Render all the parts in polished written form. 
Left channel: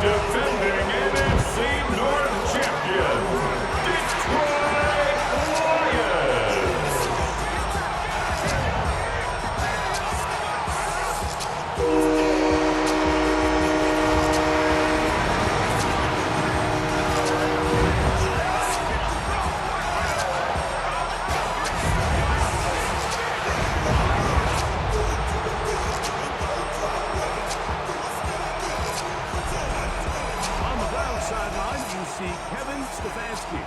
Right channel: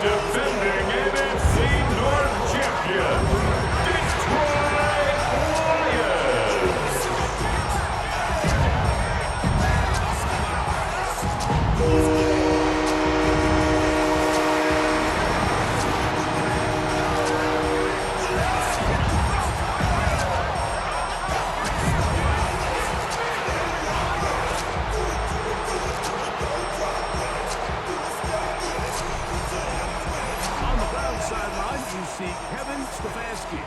defending NFC North champion, Detroit Lions. Sideline, you see Kevin Stefanski.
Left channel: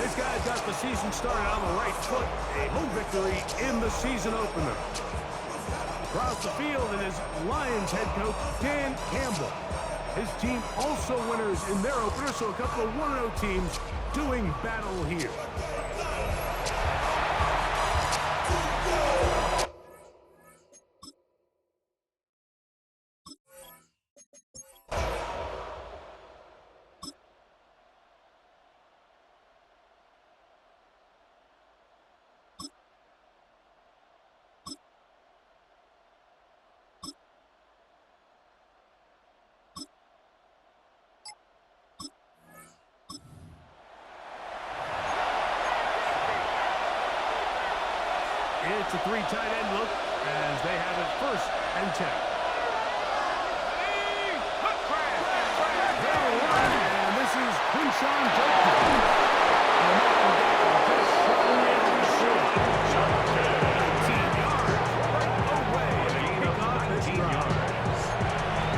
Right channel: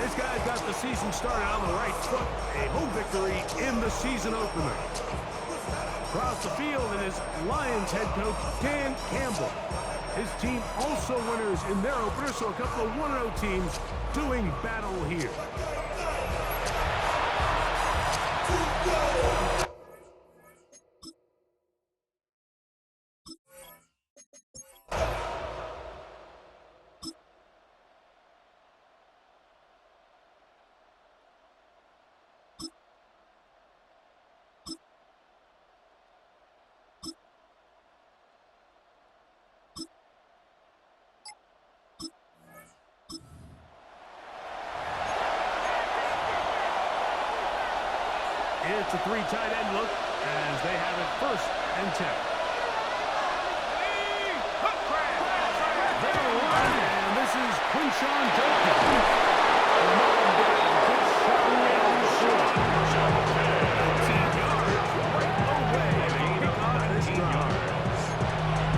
His guys got the season started on the right foot. A home victory in the season opener. Across the field, it is Lions head coach Dan Campbell. His team also winners in their opener, so a couple of 1-0 teams doing battle here. It's a three tight end look as they have it 1st and 10. They'll run, and this is Quinshawn Judkins. And up and down, just shot down short. 18 yards right away. Gain of 19 yards.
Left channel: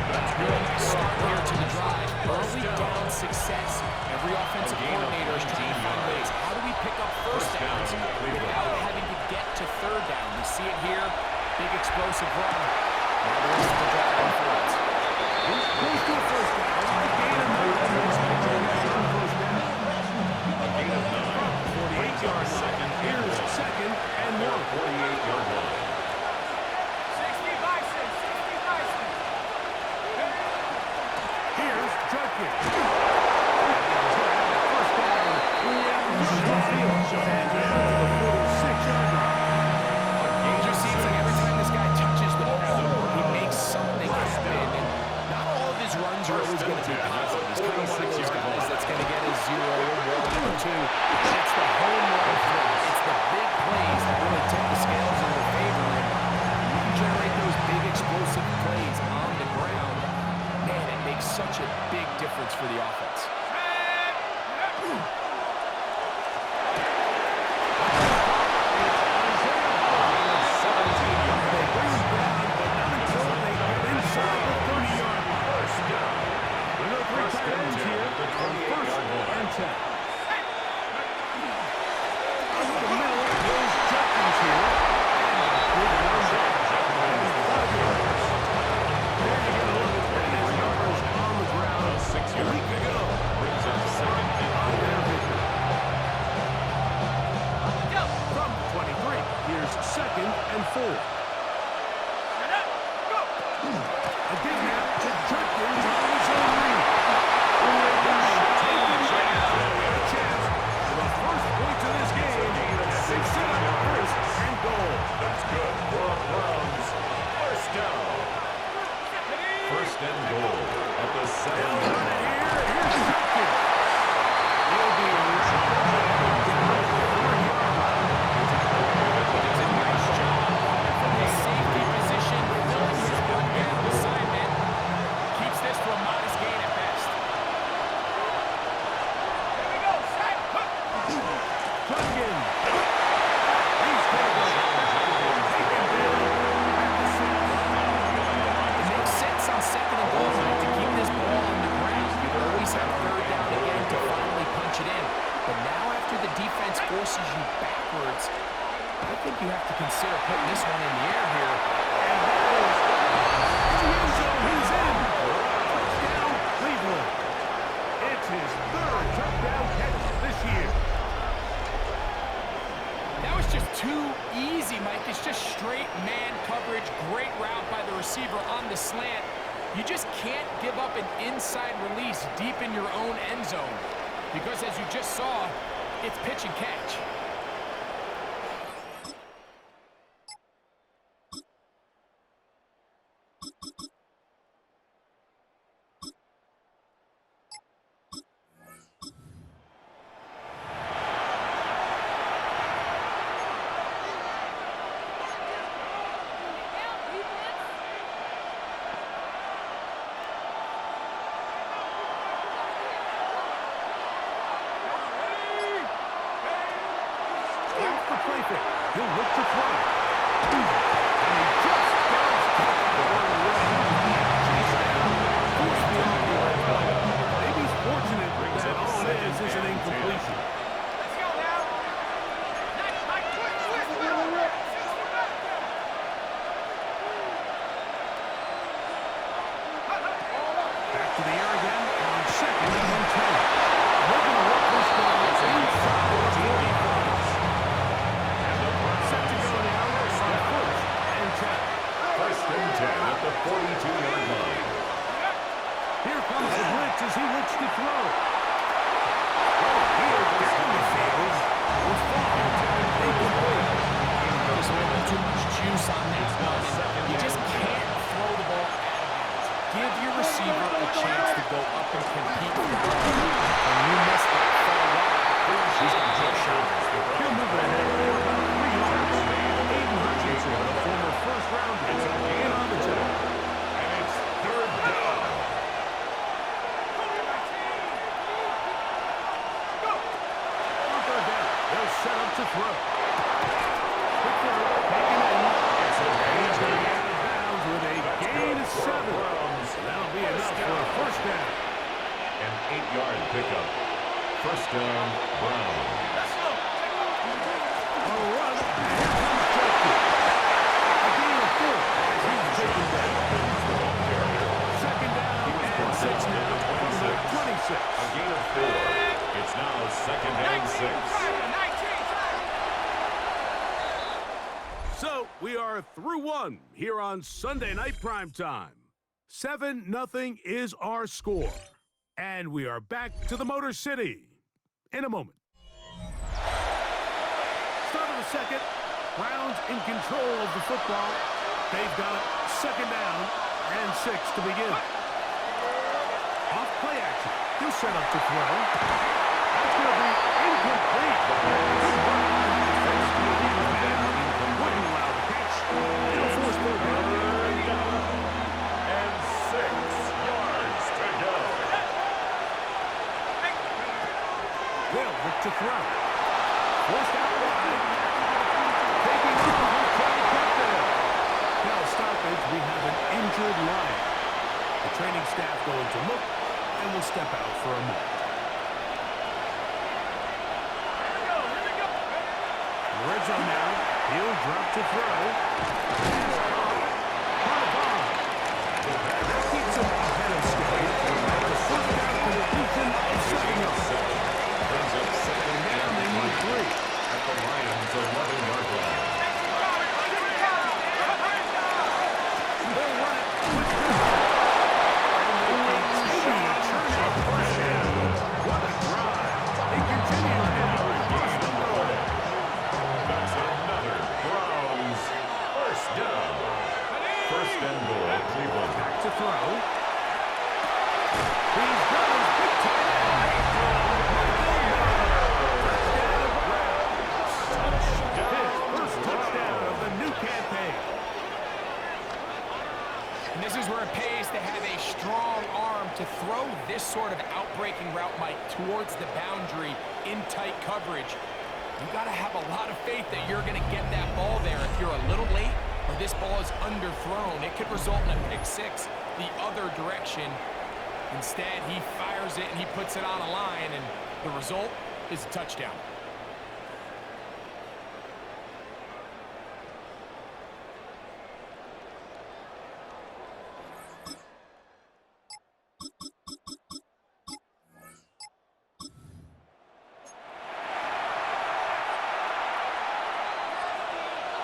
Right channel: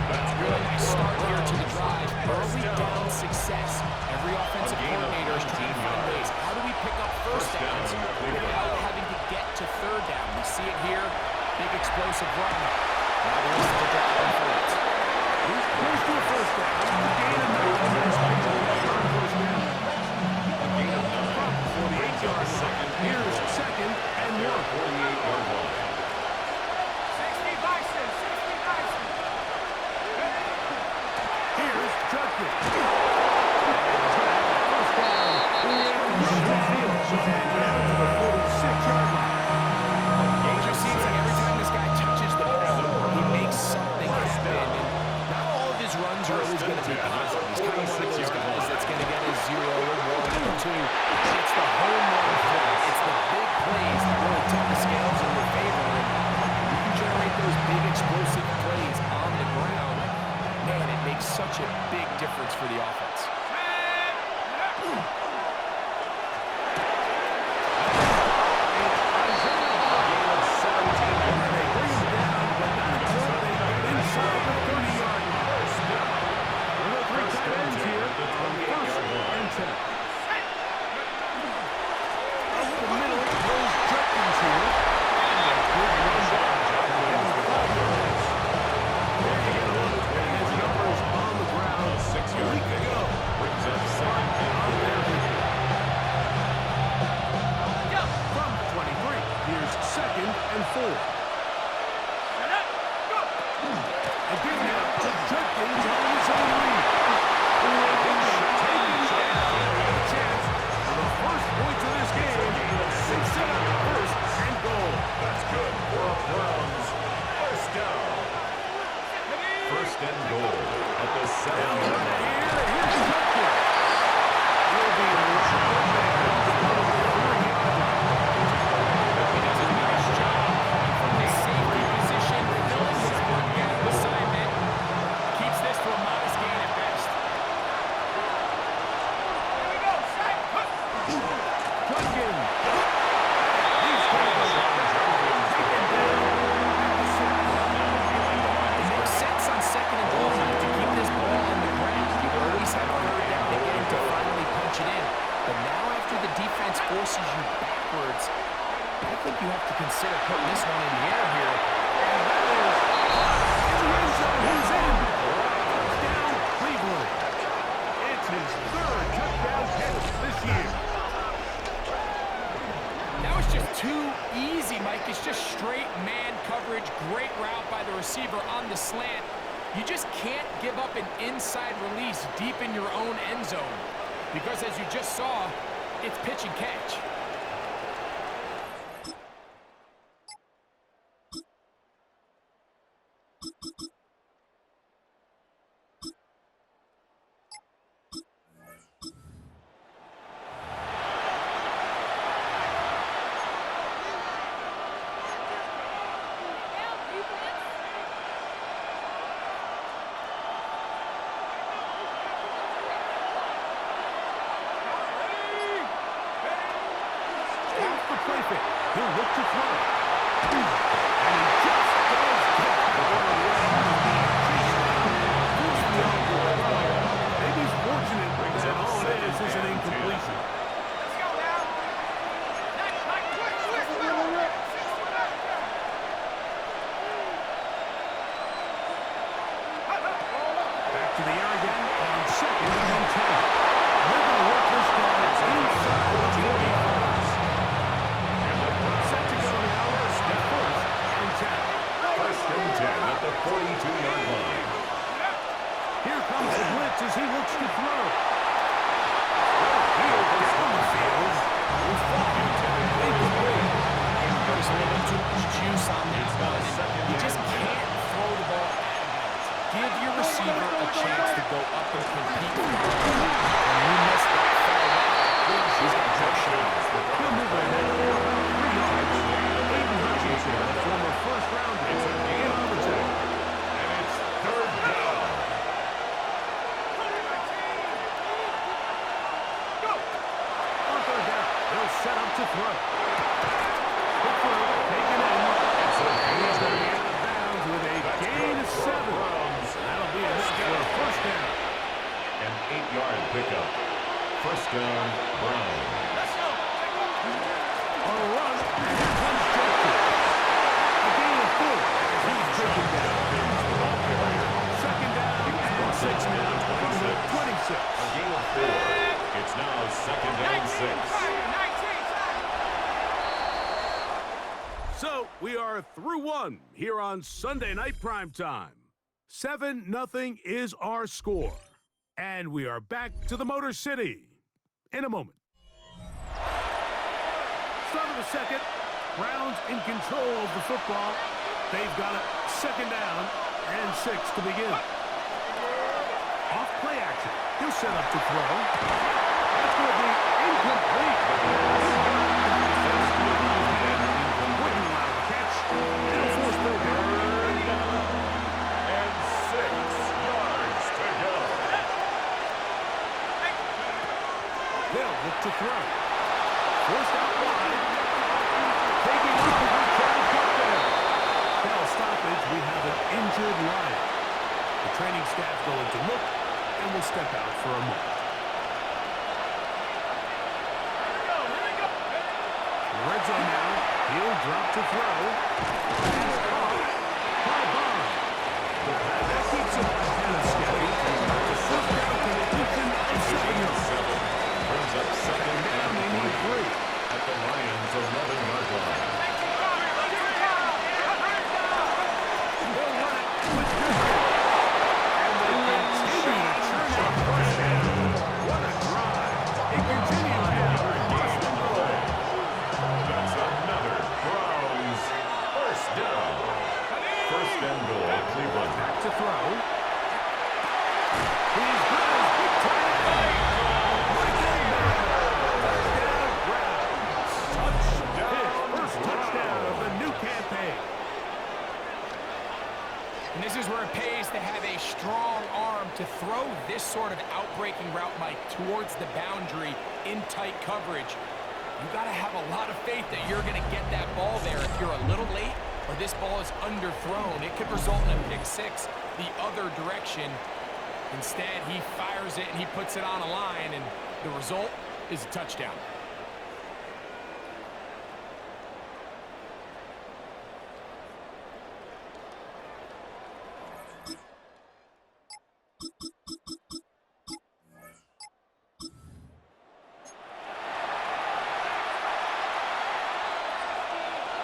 That's good. Nice start here to the drive. Early down success. Every offensive coordinator is trying to find ways. How do we pick up first downs without having to get to 3rd down? We see it here. Big explosive run. Now the rest of the drive unfolds. He's close to a 1st down. A gain of 9. A gain of 9. 48-yard line. Here's 2nd and 1. 48-yard line. 60 Bison. Here's Judkins. And he's going to have a 1st down. And down to the 46-yard line. It just seems like every time this guy touches the ball, he makes something happen. And not all of his runs are always going to be positive. He's kind of one of those guys that's going to get a 0 or 1 or 2. It's the home run threat. It's the big plays that really tip the scales in your favor. And you can generate those big explosive plays on the ground. Man, it makes such a big difference for the offense. They bring him down, but not until they get inside the 30-yard line. We've got 3 tight ends here on 1st and 10. Up the middle goes Judkins here. And a good run down. And 5 yards. There you get a look at his numbers on the ground a week ago. Brings up 2nd On and their 4. victory. From the 23, here's 2nd and 4. Again now to Judkins on his own read. Taken down. A chance for the 1st points of this game as they set up 1st and goal. That's good for a Browns 1st down. 1st and goal at the 7. They'll run it here. Here's Judkins. He'll be wrapped up there on the 3-yard line. He does a nice job from his safety position, filling his 1-down assignment. Keeps this to a modest gain at best. Here we go, set. Judkins. He's taken down at the 6. It makes sense on 2nd and goal line to keep this ball on the ground. You always have 3rd down again to finally punch it in. But now after the defense forces you backwards, I think you have to consider putting this one in the air here. And that is in the end zone. He's in. Touchdown, Cleveland. It's his 3rd touchdown catch this year. That was just too easy, Mike. It's just straight man coverage. Great route by the receiver on the slant. You just can't give up an inside release deep in your own end zone. Because as you just saw, it's pitch and catch. play fake. He'll look to throw. And he just does get the ball away. He's chased down, forced the offload. Maybe he's fortunate that all it is an incompletion. Let's go now. Back to the air again on 2nd and 10. They're going to work this down inside the 45. Set to go now on 1st and 10. 1st and 10 at the 42-yard line. Here comes the blitz as he looks to throw. Here down the field will fall. Incomplete. Just a little bit too much juice on that one. And you just can't throw the ball out of bounds. Give your receiver a chance to go up and compete for the ball. When you miss that far wide, he's got no shot. He'll move ahead for about 3 yards. Aiden Hutchinson, a former first-rounder, in on the tackle. And it's 3rd down. On 3rd down, they'll set up to throw. Quick throw, taken in. It's a And he's going to gain. get out of bounds with a gain of 7. And that'll be enough for a 1st down. An 8-yard pickup. 1st down, Brown. On a run, and here comes Judkins. A gain of 4 as he's taken down. The ball carrier. 2nd down and 6 now from the 26. A gain of 4. It's now 2nd and 6. So we are through 1 here on Sunday Night Primetime. 7-0 is our score. And we are back to the Motor City in a moment. Start of the 2nd. Browns in control of the football. They've got it 2nd down and 6 to begin. Off play action. He'll set up to throw. That's going to be incomplete. Good work by the defense to get his man up. Wouldn't allow the catch. It'll force 3rd down. And 6 yards to go. They'll look to throw. Forced out wide. Taking off and trying to get there. Now stoppage, we have an injured Lion. The training staff going to look and will step out for a moment. Red zone now. He'll drop to throw. Pass caught by Bond. And that keeps him ahead of schedule. It's a 1st down completion of 7 yards. Brings up 2nd Down they need 3. at the Lions' 11-yard line. They'll run it with Goodman. And they continue to churn out 1st down. What a drive. It continues now. 1st and goal. That's another Browns 1st down. 1st and goal, Cleveland. Back to throw. He's got his big tight end. Touchdown, Browns. His 1st touchdown of the new campaign. And this is where it pays to have a strong arm to throw this sort of out-breaking route, Mike, towards the boundary in tight coverage. You got to have a lot of faith that you're going to get that ball there. If you're a little late or this ball is underthrown, it could result in a pick 6 the other direction. Instead, he fires it and he puts it on a line, and the result is a touchdown.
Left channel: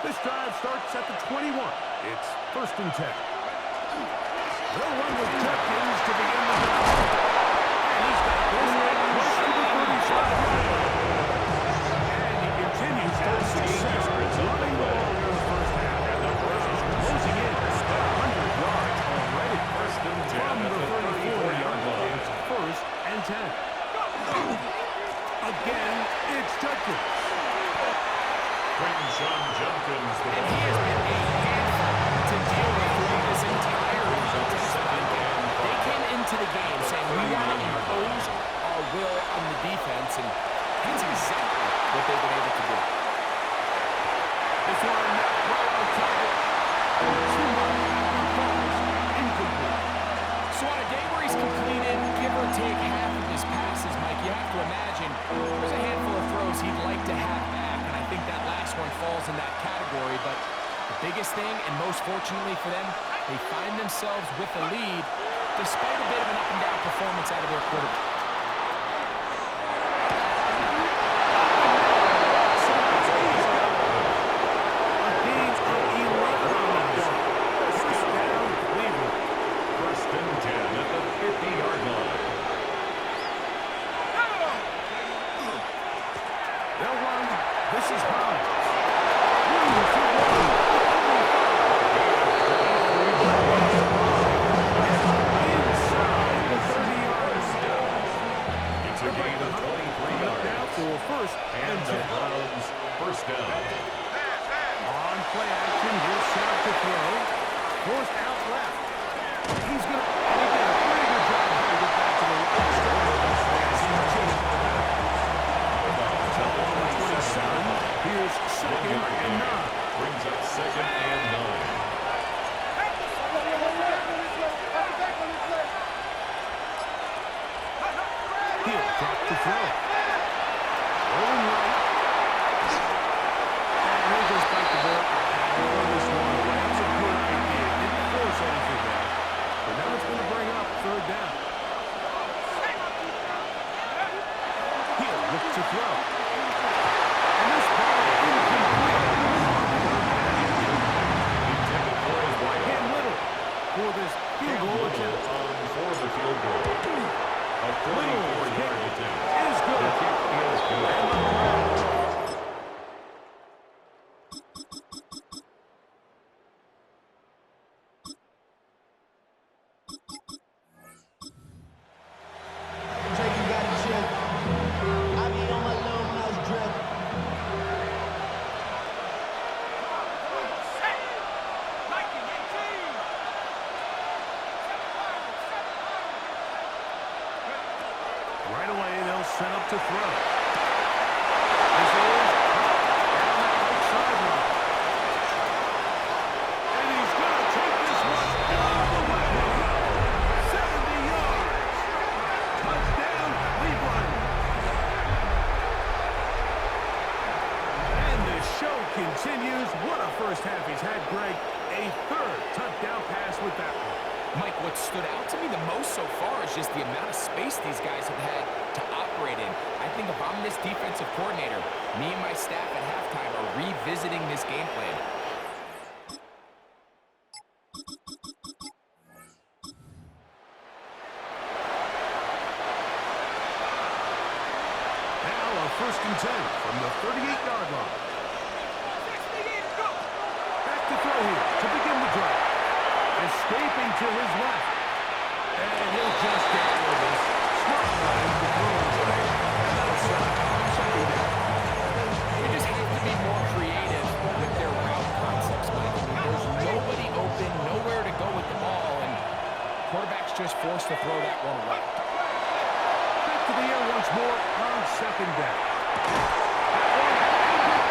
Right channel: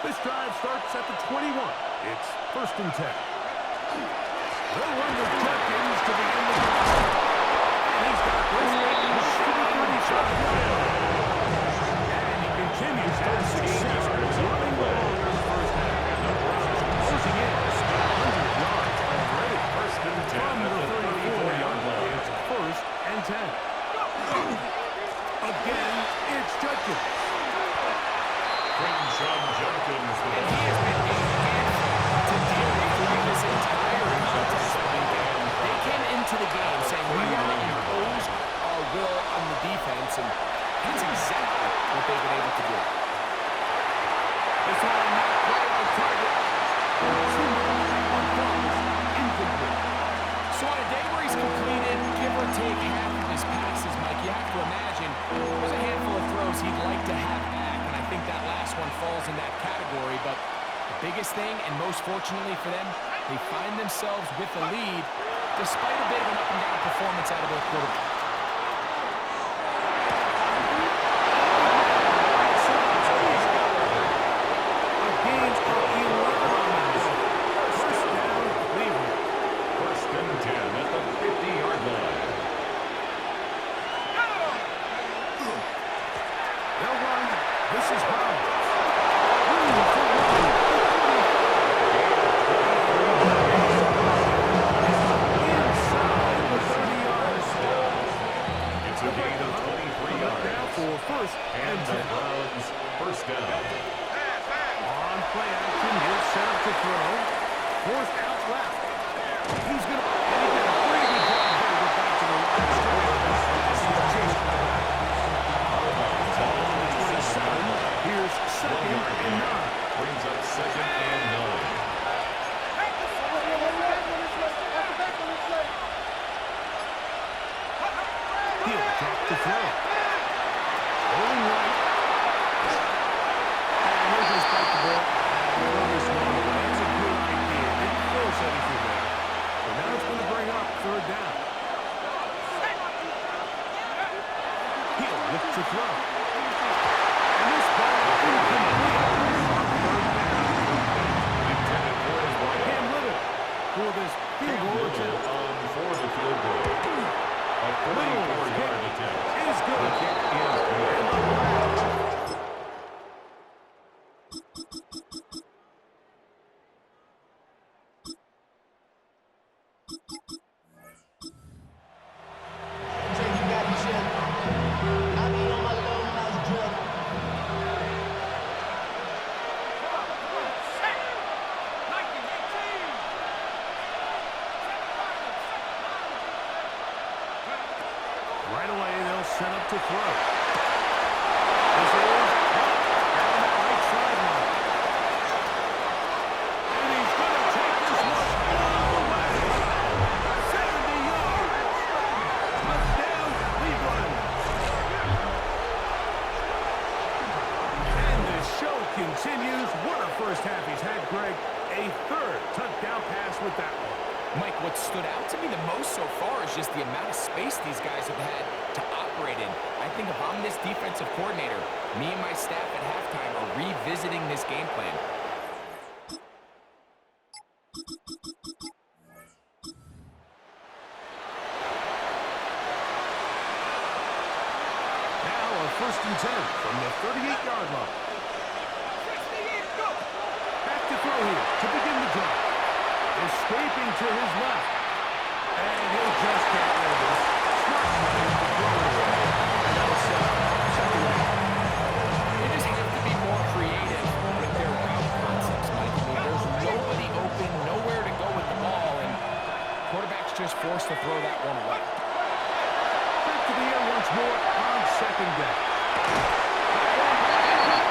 This drive starts at the 21. It's 1st and 10. They'll run with Judkins to begin the drive. And he's got this at close to the 35-yard line. And he continues to have success running the ball here in the 1st half. And the Browns closing in at 100 yards already. 1st and 10 From at the the 34-yard 34-yard line. It's 1st and 10. Again, it's Judkins. Quinshon Judkins, the And ball he has been carrier. a handful to deal with through this entire contest, Mike. They came into the game saying, we want to impose our will on the defense, and that's exactly what they've been able to do. This one not quite on target. Too much. That one falls incomplete. So on a day where he's completed, give or take half of his passes, Mike, you have to imagine there's a handful of throws he'd like to have back, and I think that last one falls in that category. But the biggest thing, and most fortunately for them, they find themselves with a lead despite a bit of an up-and-down performance out of their quarterback. Gains of 11 on that one. First down, Cleveland. First and 10 at the 50-yard line. They'll run. This is Hines. Room to run. Inside the 30-yard down. It's a gain of 23 yards. Now for first And the 10. Browns first down. On play action, he'll set up to throw. Forced out left. He's going to, and he did a pretty good job here to get back to the line of scrimmage as he's chasing the back. Ball on the 27. Here's second and 9. Brings up second and 9. He'll drop to throw. Rolling right. And he'll just bite the ball and throw this one away. It's a good idea. Didn't force anything there. But now it's going to bring up third down. He'll look to throw. And this ball incomplete on third down. Intended for his wideout. Cam Little for this field goal attempt. On for the field goal. A 44-yard attempt. Is good. The kick is good. And the grab. Drake, you gotta chill. I be on my little mouse drill. Right away, they'll set up to throw. This is caught down that right sideline. And he's going to take this one all the way. 70 yards. Touchdown, Cleveland. And the show continues. What a first half he's had, Greg. A third touchdown pass with that one. Mike, what stood out to me the most so far is just the amount of space these guys have had to operate in. I think if I'm this defensive coordinator, me and my staff at halftime are revisiting this game plan. Now a first and 10 from the 38-yard line. Back to throw here to begin the drive. Escaping to his left. And he'll just get rid of this. Smart play to throw it away. And that'll set up second down. They just have to be more creative with their route concepts, Mike. I mean, there's nobody open, nowhere to go with the ball, and quarterback's just forced to throw that one away. Back to the air once more on second down.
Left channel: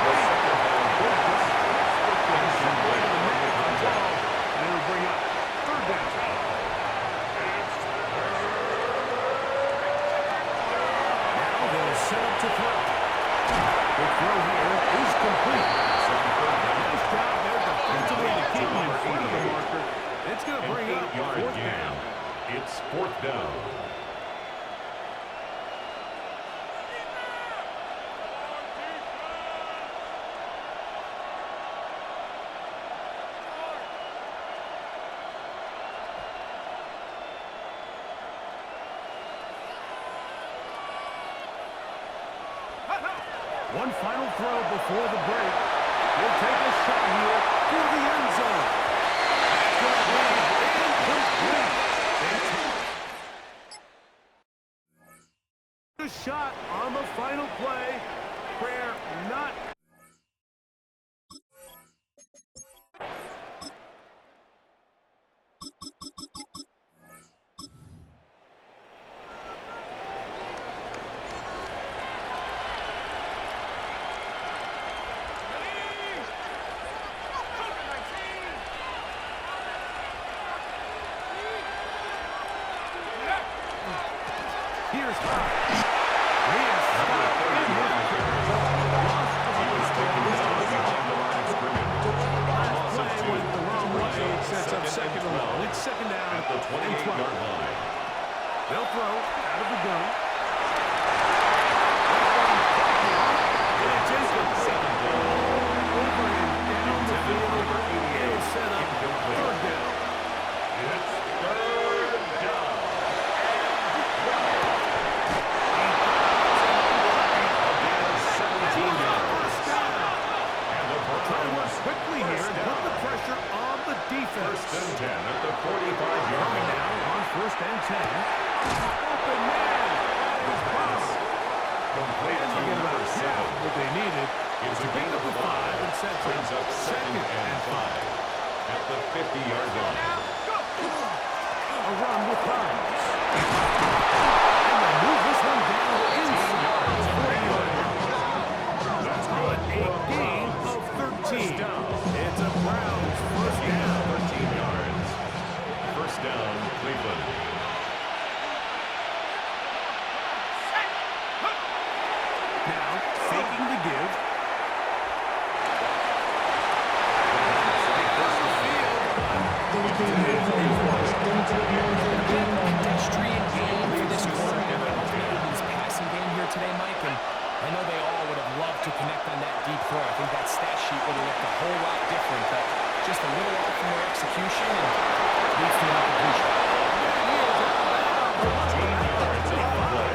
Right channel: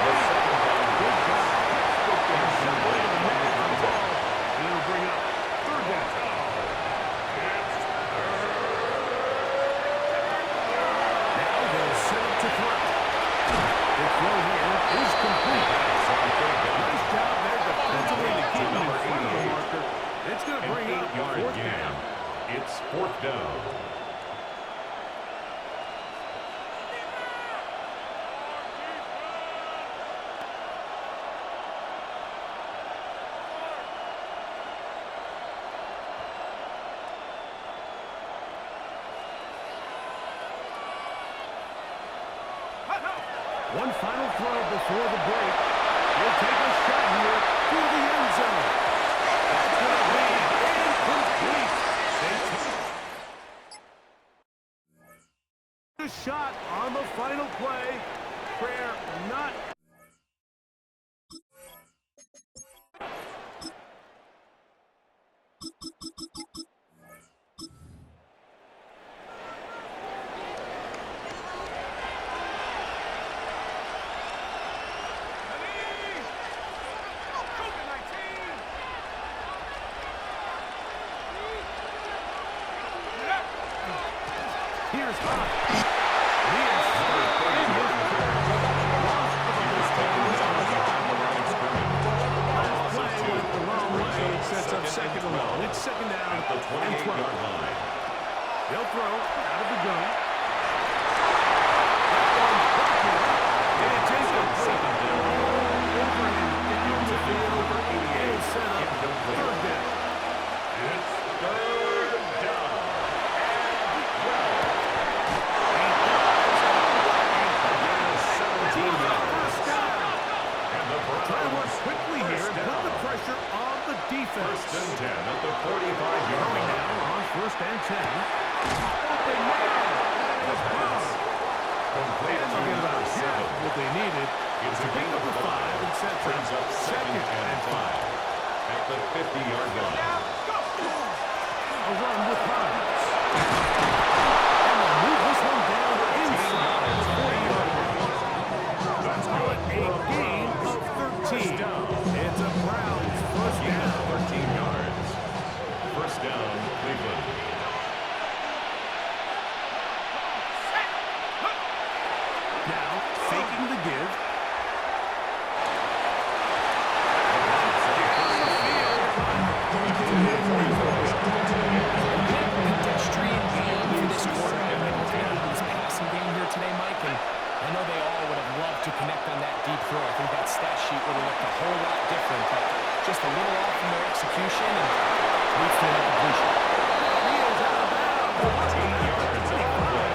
The second down. Good job. Textbook there. Right in the middle of the Contact. ball. And it'll bring up third down. Now they'll set up to throw. The throw here is complete. Nice job there defensively to keep him in front of the marker. It's going to bring up fourth down. It's fourth down. One final throw before the break. He'll take a shot here for the end zone. That's going to be incomplete. They take a shot on the final play. Prayer not. Here's High. He is stopped in his tracks. Loss of a Taken down behind the line of scrimmage. last play went the wrong way. It sets up second and long. It's second down At the and 12. 28-yard line. They'll throw out of the gun. That one popular. And it's incomplete. Second down. Over him down the Intended for field. number 88. It'll set up Incomplete. third down. It's third down. And 12. He does, and what a Again, 17 yards. first down. And the Try to work Browns quickly here and put the pressure on the defense. first and 10 at the 45-yard Coming line. now on first and 10. Open man. That is Bob. Complete And to they'll get about number half 7. what they needed. It's a to gain pick up of the 5 and set Brings up second and 5 at the 50-yard line. A run with Bonds. And they'll move this one down inside the 40-yard line. That's Call good it for a a gain Browns of 13. first down. It's a Browns first Gain down. of 13 yards. First down, Cleveland. Now, faking the give. Pedestrian game for this quarterback and ultimately his passing game here today, Mike. And I know they all would have loved to connect on that deep throw. I think that stat sheet would have looked a whole lot different, but just a little off from their execution and leads to an incompletion. He is out of bounds. 14 yards on the play.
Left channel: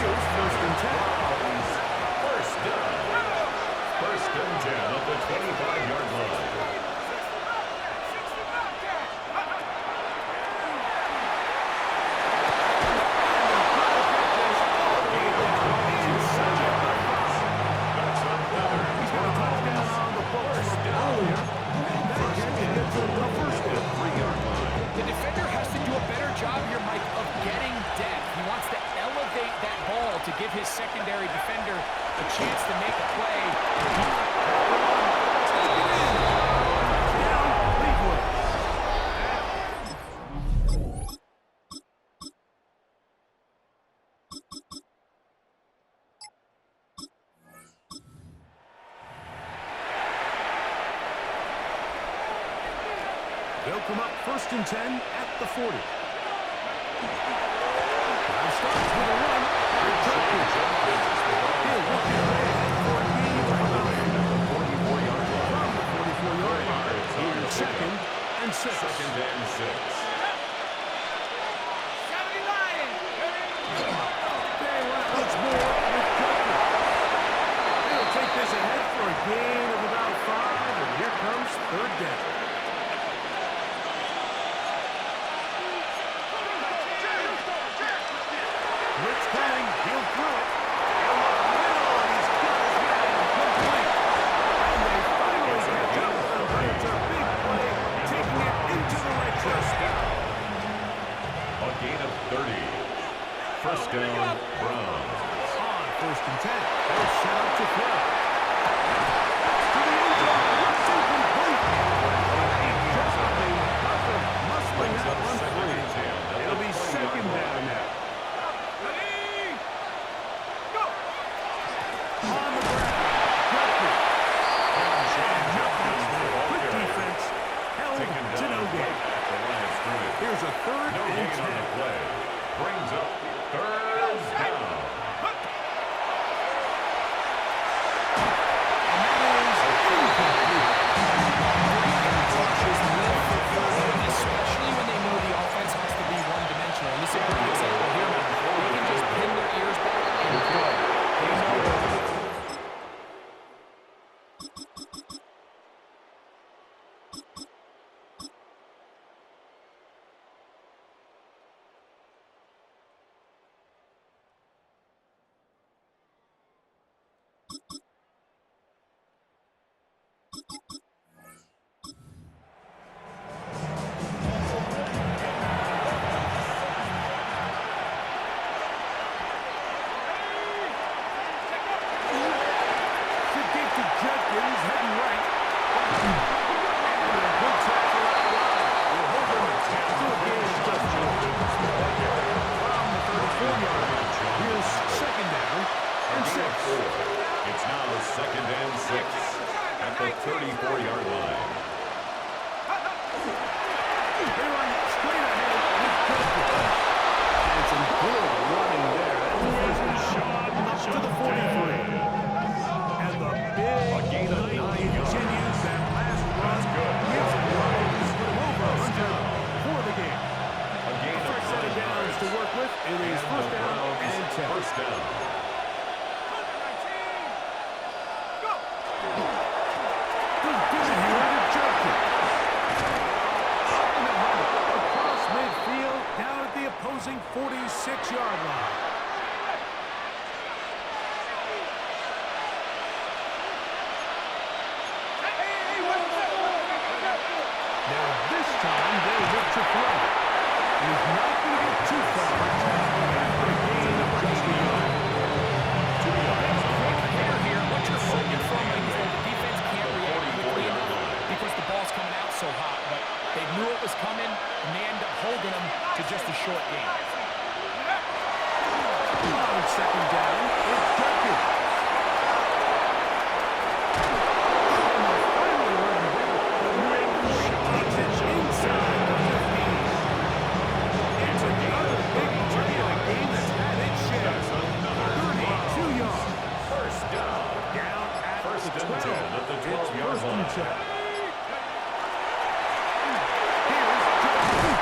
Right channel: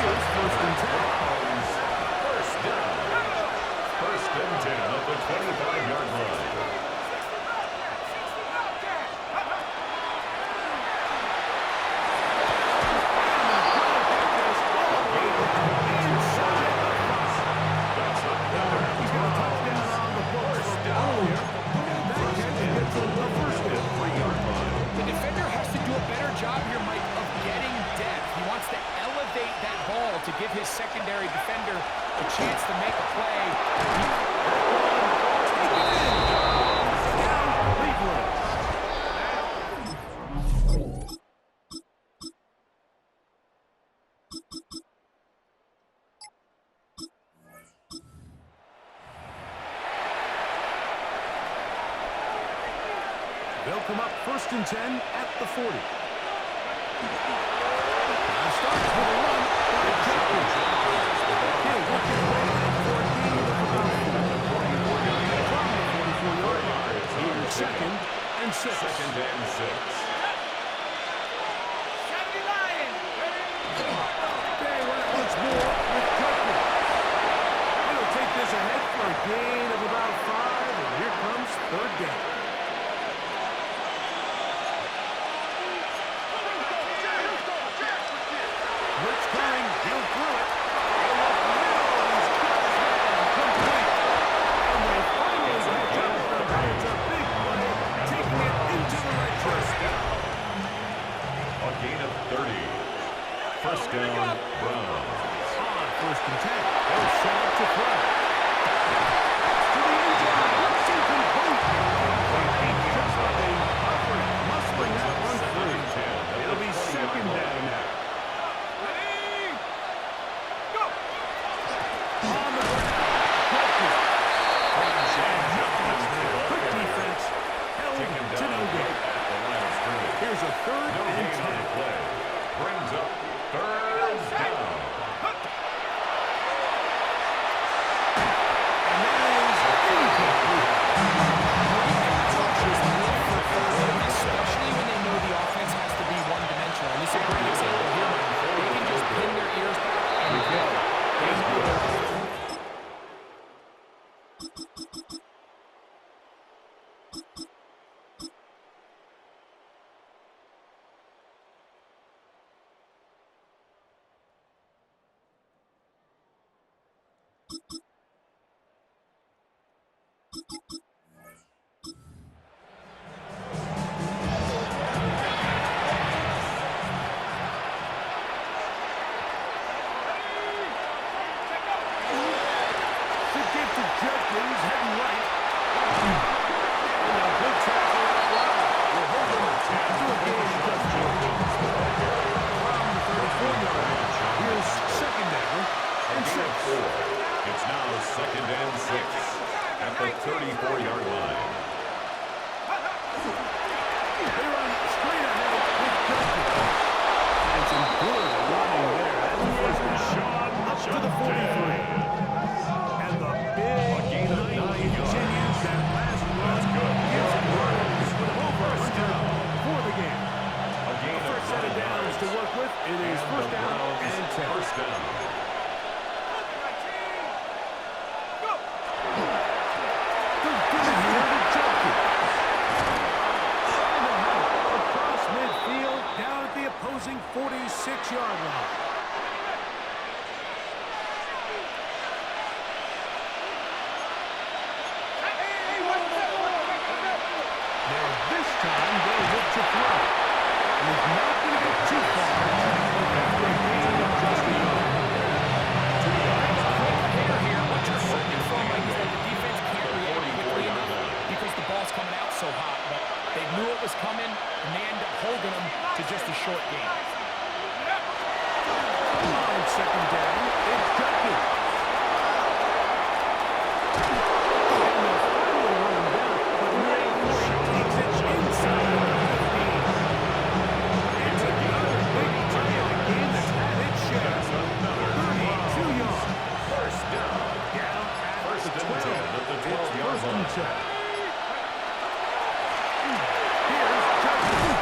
Here's first and 10. Browns first down. First and 10 at the 25-yard line. That's another He's got a touchdown on the books First from down. earlier. And that catch gets him a first down. 3-yard line. The defender has to do a better job here, Mike, of getting depth. He wants to elevate that ball to give his secondary defender a chance to make a play. Take it in. Down Cleveland. They'll come up first and 10 at the 40. Drive starts with a run by Jenkins. He'll work his way ahead for a gain of about 44-yard line. from the 44-yard line. Here's second and 6. Second and 6. They run it once more with Jenkins. It'll take this ahead for a gain of about 5, and here comes third down. Blitz coming, he'll throw it. He'll look middle, and he's got his man complete. And they finally catch up with him. It's a big play, taking it into the red zone. A gain of 30. First down, Browns. On first and 10, they'll set up to throw. That's to the end zone. It's incomplete. Just been hovering, muscling that one free. It'll be second down now. On the ground, Jenkins. Quick defense, held Taken to down no gain. right at the line of scrimmage. Here's a third No and gain on 10. the play. Brings up third down. And that is incomplete. Great pass rushes live for third down, especially when they know the offense has to be one-dimensional. And this is a great example here, Mike. They can just pin their ears back and go. They know they're the 43. And the big night continues. That last run gives him running to put him over 100 for the game. A first set of downs to work with. It is first down and 10. First down. They'll give it here to Judkins. And a hunt across midfield down at the opposing 46-yard line. Now this time they'll look to throw. And he's not going to get too far after a gain of just a yard. Quick hitter here. What you're hoping for, Mike, is that the defense can't react quickly enough because the ball's coming out so hot. But they knew it was coming, and they end up holding them to just a short gain. On second down, it's Judkins. And they'll finally run him down, but Ray takes it inside the 15. It's another big play in a game that's had its share. 32 yards. First down. Down at First the and 12. 10 at the It's 12-yard first and line. 10. Here's Judkins.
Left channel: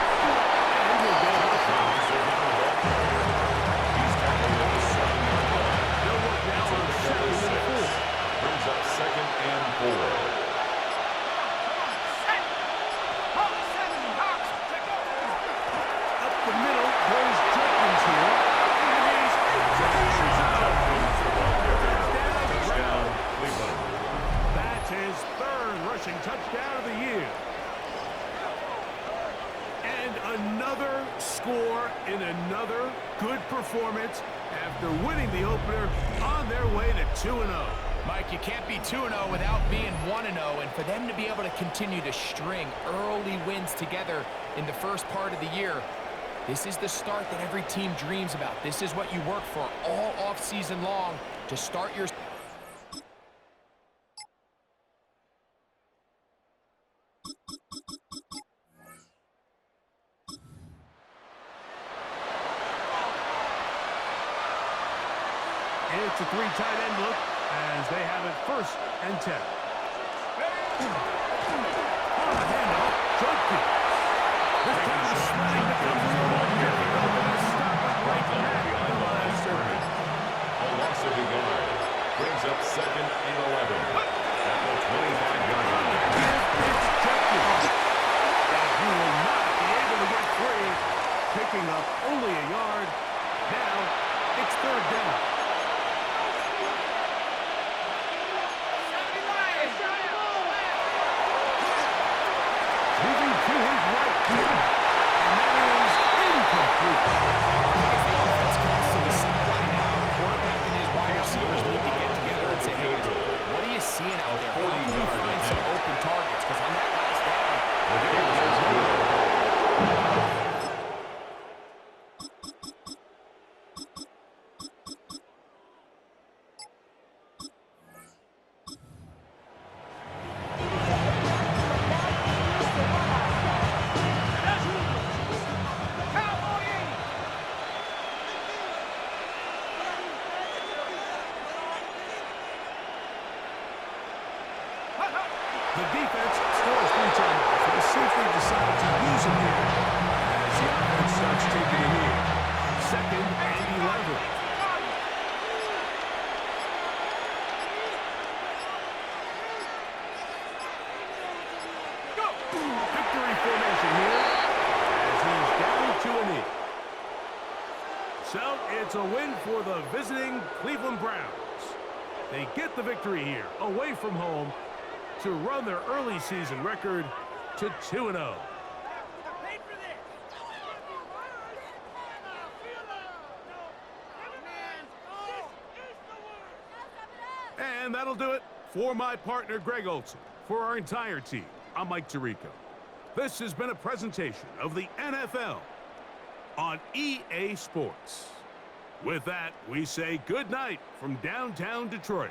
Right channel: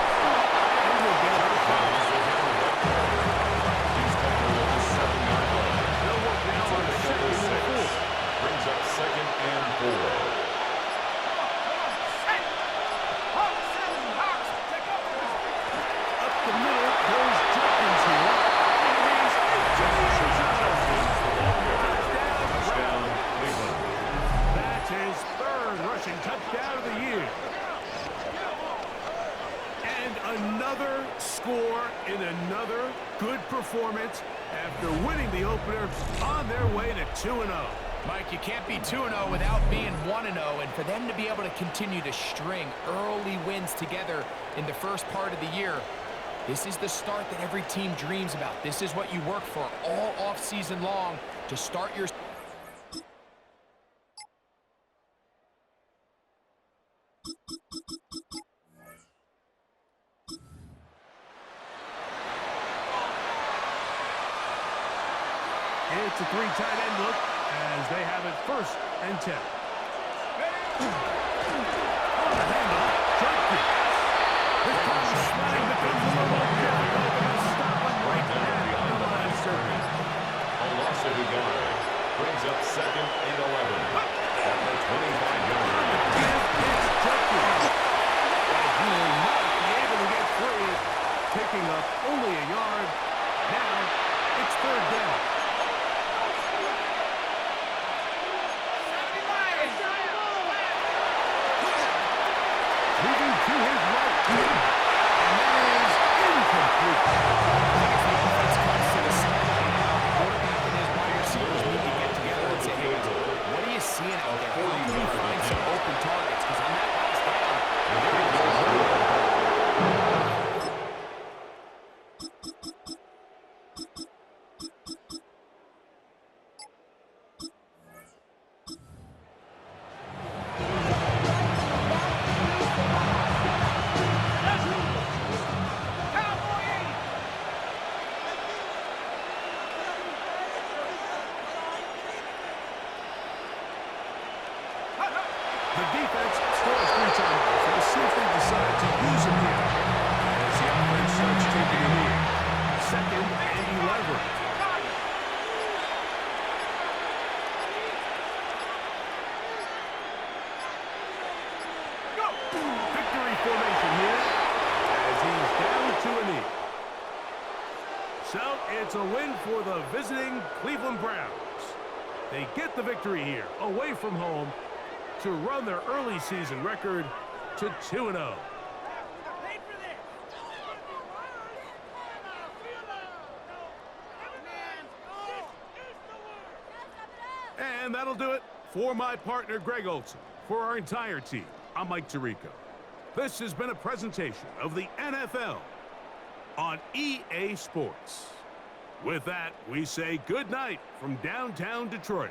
And he'll get out of bounds. He's tackled at the 7-yard line. They'll work now on second and 4. Brings up second and 4. Up the middle goes Judkins here. And he's into the end zone. Touchdown, Cleveland. That's his third rushing touchdown of the year. And another score in another good performance after winning the opener on their way to 2-0. Mike, you can't be 2-0 without being 1-0, and for them to be able to continue to string early wins together in the first part of the year, this is the start that every team dreams about. This is what you work for all offseason long to start your... It's a three tight end look as they have it first and 10. On the handoff, Judkins. This time the sliding becomes a little more difficult than a stop him right at the line of scrimmage. A loss of a yard. Brings up second and 11. At the 25-yard line. It's Judkins. And he will not be able to get free. Picking up only a yard. Now it's third down. Moving to his right. And that is incomplete. I think as the offense comes to the sideline now, quarterback and his wide receivers need to get together and say, hey, what are you seeing out there? How can we find some open targets? Because on that last down, there was no The defense still has 3 timeouts. We'll see if they decide to use them here as the offense starts taking a knee. Second and 11. Victory formation here as he's down to a knee. So it's a win for the visiting Cleveland Browns. They get the victory here away from home to run their early season record to 2-0. And that'll do it for my partner, Greg Olson. For our entire team, I'm Mike Tirico. This has been a presentation of the NFL on EA Sports. With that, we say good night from downtown Detroit.